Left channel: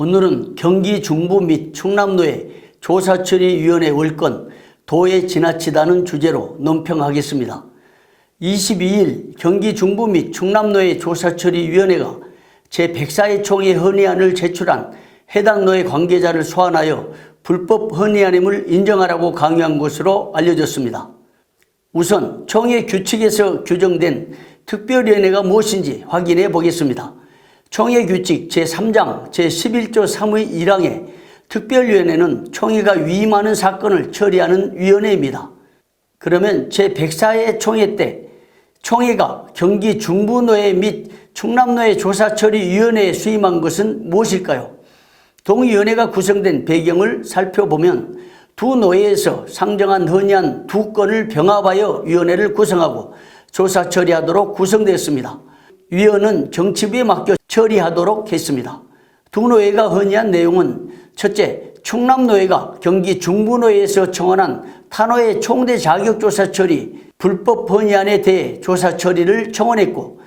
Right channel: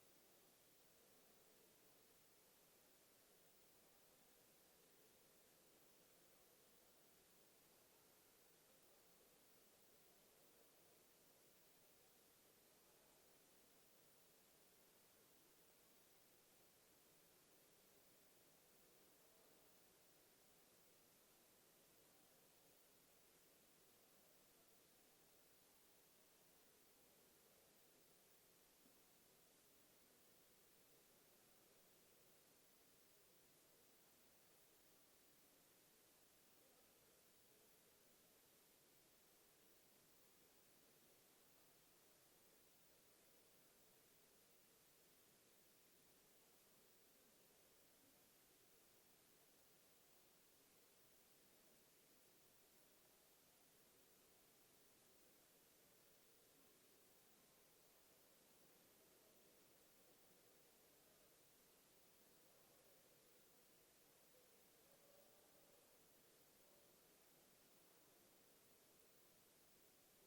오늘은 경기 중부 및 충남도의 조사처리위원회 월권 도에 지나치다는 주제로 논평하겠습니다. 22일 경기 중부 및 충남도의 조사처리위원회가 제104회 총회 헌의안을 제출한 해당 노예 관계자를 소환하여 불법 헌의안임을 인정하라고 강요한 것으로 알려졌습니다. 우선 총회 규칙에서 규정된 특별위원회가 무엇인지 확인해 보겠습니다. 총회 규칙 제3장 제11조 3의 1항에 특별위원회는 총회가 위임하는 사건을 처리하는 위원회입니다. 그러면 제104회 총회 때 총회가 경기 중부노예 및 충남노예 조사처리위원회에 수임한 것은 무엇일까요? 동위원회가 구성된 배경을 살펴보면 두 노예에서 상정한 헌의안 2건을 병합하여 위원회를 구성하고 조사 처리하도록 구성되었습니다. 위원은 정치부에 맡겨 처리하도록 했습니다. 두 노예가 헌의한 내용은 첫째, 충남노예가 경기 중부노예에서 청원한 타노예 총대 자격조사 처리 불법 헌의안에 대해 조사 처리를 청원했고,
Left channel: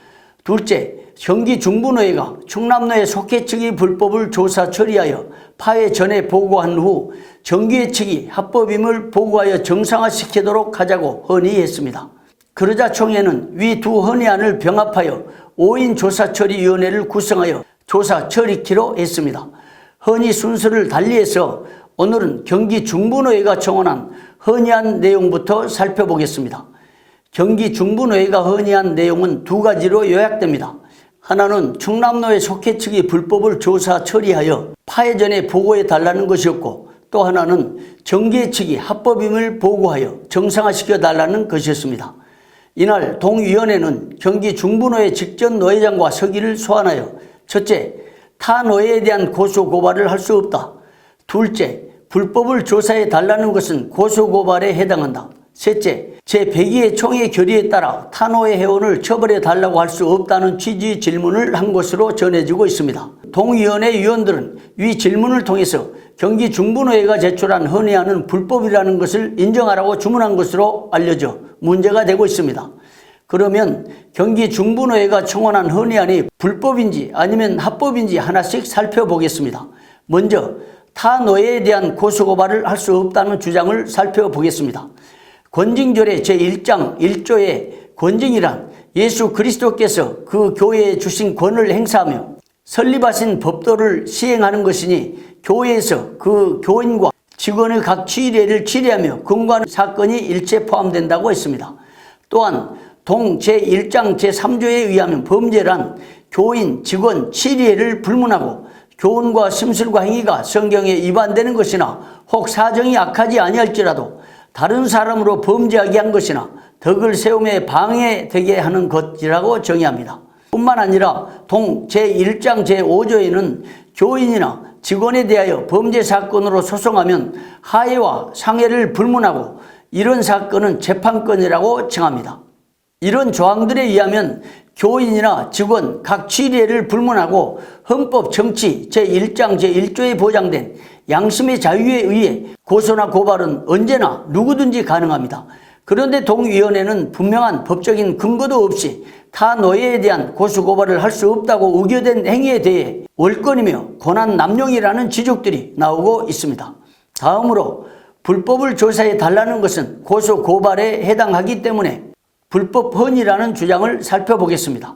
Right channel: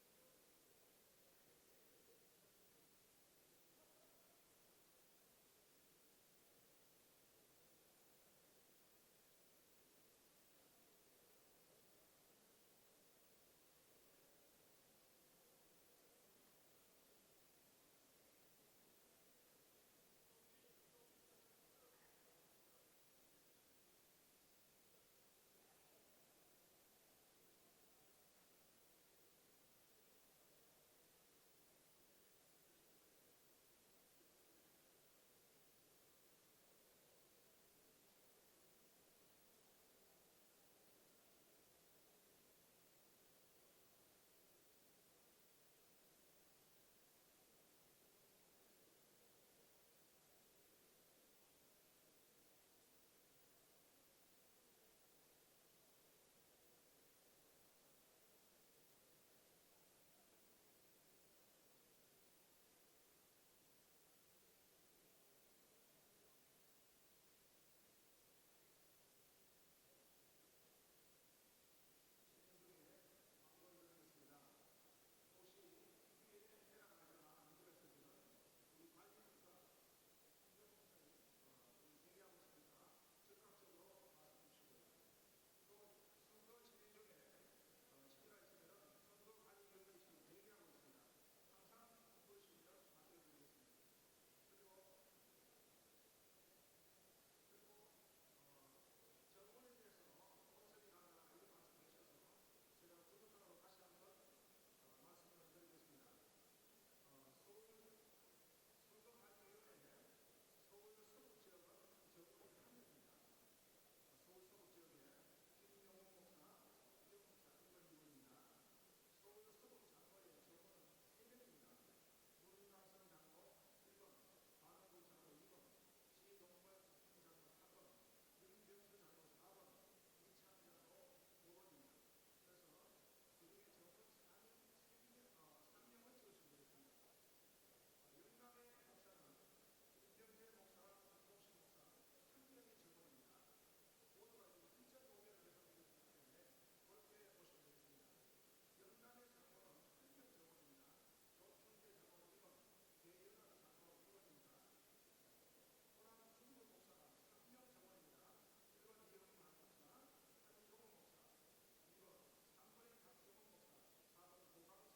둘째, 경기 중부노예가 충남노예 속해 측이 불법을 조사 처리하여 파회 전에 보고한 후 정기회 측이 합법임을 보고하여 정상화시키도록 하자고 헌의했습니다. 그러자 총회는 위 두 헌의안을 병합하여 5인 조사처리위원회를 구성하여 조사 처리키로 했습니다. 헌의 순서를 달리해서 오늘은 경기 중부노예가 청원한 헌의안 내용부터 살펴보겠습니다. 경기 중부노예가 헌의한 내용은 두 가지로 요약됩니다. 하나는 충남노예 속해 측이 불법을 조사 처리하여 파회 전에 보고해 달라는 것이었고, 또 하나는 정기회 측이 합법임을 보고하여 정상화시켜 달라는 것이었습니다. 이날 동위원회는 경기 중부노예 직전 노예장과 서기를 소환하여 첫째, 타 노예에 대한 고소 고발을 할 수 없다. 둘째, 불법을 조사해 달라는 것은 고소 고발에 해당한다. 셋째, 제102회 총회 결의에 따라 타노예 회원을 처벌해 달라고 할 수 없다는 취지의 질문을 한 것으로 전해지고 있습니다. 동위원회 위원들은 위 질문을 통해서 경기 중부노예가 제출한 헌의안은 불법이라는 것을 인정하라고 주문한 것으로 알려져 문제가 되고 있습니다. 그러면 경기 중부노예가 청원한 헌의안이 불법인지 아니면 합법인지 하나씩 살펴보겠습니다. 먼저 타노예에 대한 고소고발을 할 수 없다는 주장을 살펴보겠습니다. 권징절의 제1장 1조에 권징이란 예수 그리스도께서 그 교회에 주신 권을 행사하며 설립하신 법도를 시행하는 것이니 교회에서 그 교인과 직원의 각 취례를 취례하며 금고하는 사건이 일체 포함된다고 했습니다. 또한 동 제1장 제3조에 의하면 범죄란 교인, 직원, 취례를 불문하고 교훈과 심술과 행위가 성경에 위반되는 것이나 혹 사정이 악하지 아니할지라도 다른 사람으로 범죄하게 한 것이나 덕을 세움에 방해되게 하는 것이라고 정의합니다. 뿐만 아니라 동 제1장 제5조에는 교인이나 직원에 대하여 범죄 사건으로 소송하면 하해와 상해를 불문하고 이런 사건은 재판권이라고 정합니다. 이런 조항들에 의하면 교인이나 직원 각 취례를 불문하고 헌법 정치 제1장 제1조에 보장된 양심의 자유에 의해 고소나 고발은 언제나 누구든지 가능합니다. 그런데 동위원회는 분명한 법적인 근거도 없이 타 노예에 대한 고소 고발을 할 수 없다고 우겨댄 행위에 대해 월권이며 권한 남용이라는 지적들이 나오고 있습니다. 다음으로 불법을 조사해 달라는 것은 고소 고발에 해당하기 때문에 불법 헌의라는 주장을 살펴보겠습니다.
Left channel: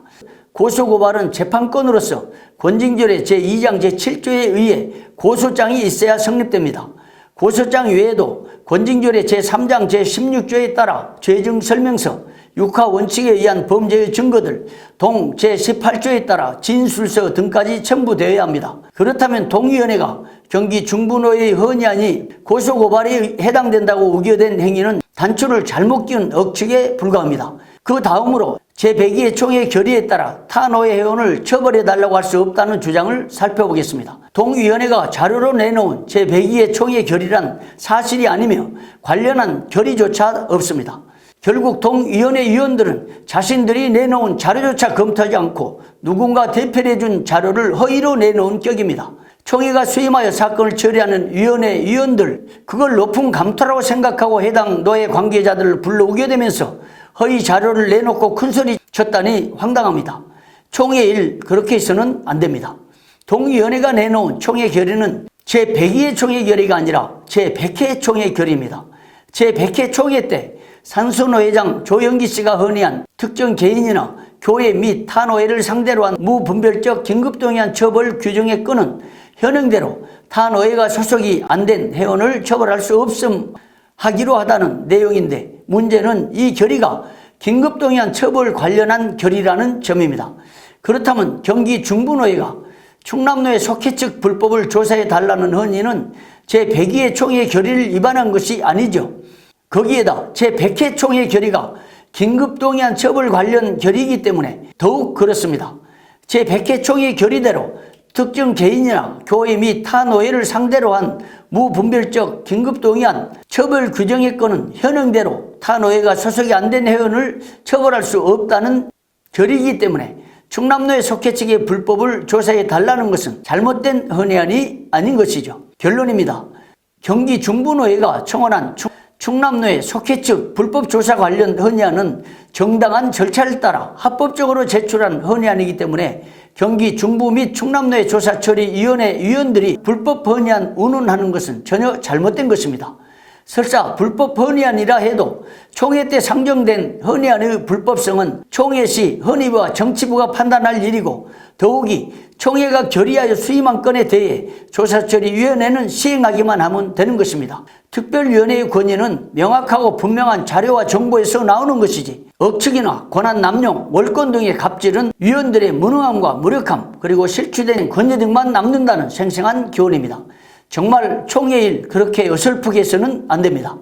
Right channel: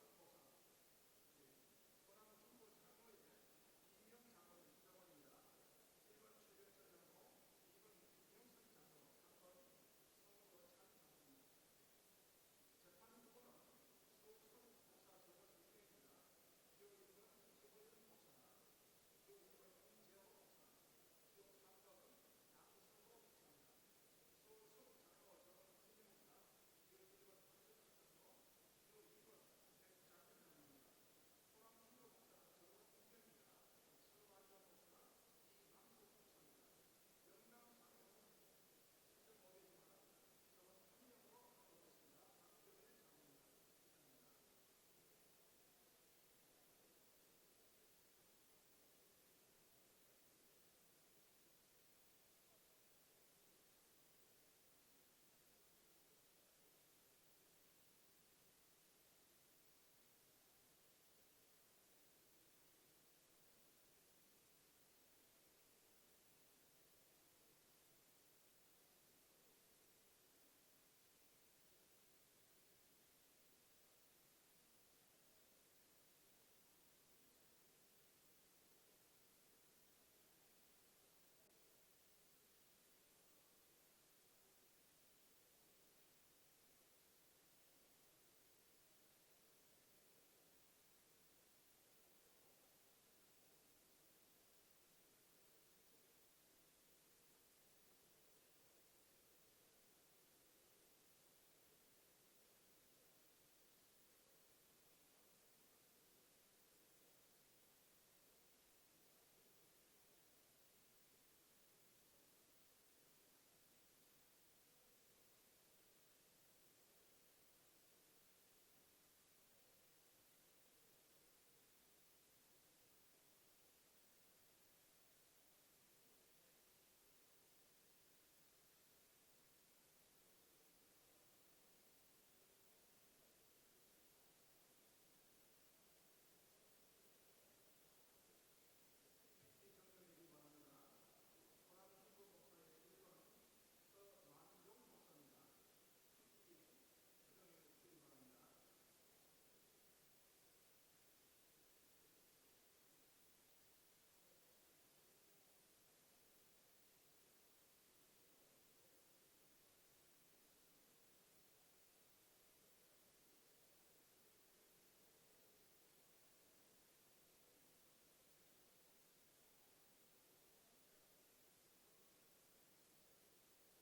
고소고발은 재판권으로서 권징절의 제2장 제7조에 의해 고소장이 있어야 성립됩니다. 고소장 외에도 권징절의 제3장 제16조에 따라 죄증설명서, 육하원칙에 의한 범죄의 증거들, 동 제18조에 따라 진술서 등까지 첨부되어야 합니다. 그렇다면 동위원회가 경기 중부노예의 헌의안이 고소고발에 해당된다고 우겨댄 행위는 단초를 잘못 끼운 억측에 불과합니다. 그 다음으로 제102회 총회 결의에 따라 타노예 회원을 처벌해달라고 할 수 없다는 주장을 살펴보겠습니다. 동위원회가 자료로 내놓은 제102회 총회 결의란 사실이 아니며 관련한 결의조차 없습니다. 결국 동위원회 위원들은 자신들이 내놓은 자료조차 검토하지 않고 누군가 대표를 해준 자료를 허위로 내놓은 격입니다. 총회가 수임하여 사건을 처리하는 위원회 위원들, 그걸 높은 감토라고 생각하고 해당 노예 관계자들을 불러 우겨대면서 허위 자료를 내놓고 큰소리 쳤다니 황당합니다. 총회 일 그렇게 해서는 안 됩니다. 동의위원회가 내놓은 총회 결의는 제102회 총회 결의가 아니라 제100회 총회 결의입니다. 제100회 총회 때 산수노 회장 조영기 씨가 건의한 특정 개인이나 교회 및 타 노예를 상대로 한 무분별적 긴급동의안 처벌 규정의 건은 현행대로 타 노예가 소속이 안 된 회원을 처벌할 수 없음 하기로 하다는 내용인데, 문제는 이 결의가 긴급동의안 처벌 관련한 결의라는 점입니다. 그렇다면 경기 중부노예가 충남노예 속해 측 불법을 조사해 달라는 건의는 제102회 총회 결의를 위반한 것이 아니죠. 거기에다 제100회 총회 결의가 긴급동의안 처벌 관련 결의이기 때문에 더욱 그렇습니다. 제100회 총회 결의대로 특정 개인이나 교회 및 타 노예를 상대로 한 무분별적 긴급동의안 처벌 규정의 건은 현행대로 타 노예가 소속이 안 된 회원을 처벌할 수 없다는 결의이기 때문에 충남노예 속해 측의 불법을 조사해 달라는 것은 잘못된 헌의안이 아닌 것이죠. 결론입니다. 경기 중부노예가 청원한 충남노예 속해 측 불법 조사 관련 헌의안은 정당한 절차를 따라 합법적으로 제출한 헌의안이기 때문에 경기 중부 및 충남노예 조사처리위원회 위원들이 불법 헌의안 운운하는 것은 전혀 잘못된 것입니다. 설사 불법 헌의안이라 해도 총회 때 상정된 헌의안의 불법성은 총회 시 헌의부와 정치부가 판단할 일이고, 더욱이 총회가 결의하여 수임한 건에 대해 조사처리위원회는 시행하기만 하면 되는 것입니다. 특별위원회의 권위는 명확하고 분명한 자료와 정보에서 나오는 것이지, 억측이나 권한 남용, 월권 등의 갑질은 위원들의 무능함과 무력함, 그리고 실추된 권위 등만 남는다는 생생한 교훈입니다. 정말 총회일 그렇게 어설프게 해서는 안 됩니다.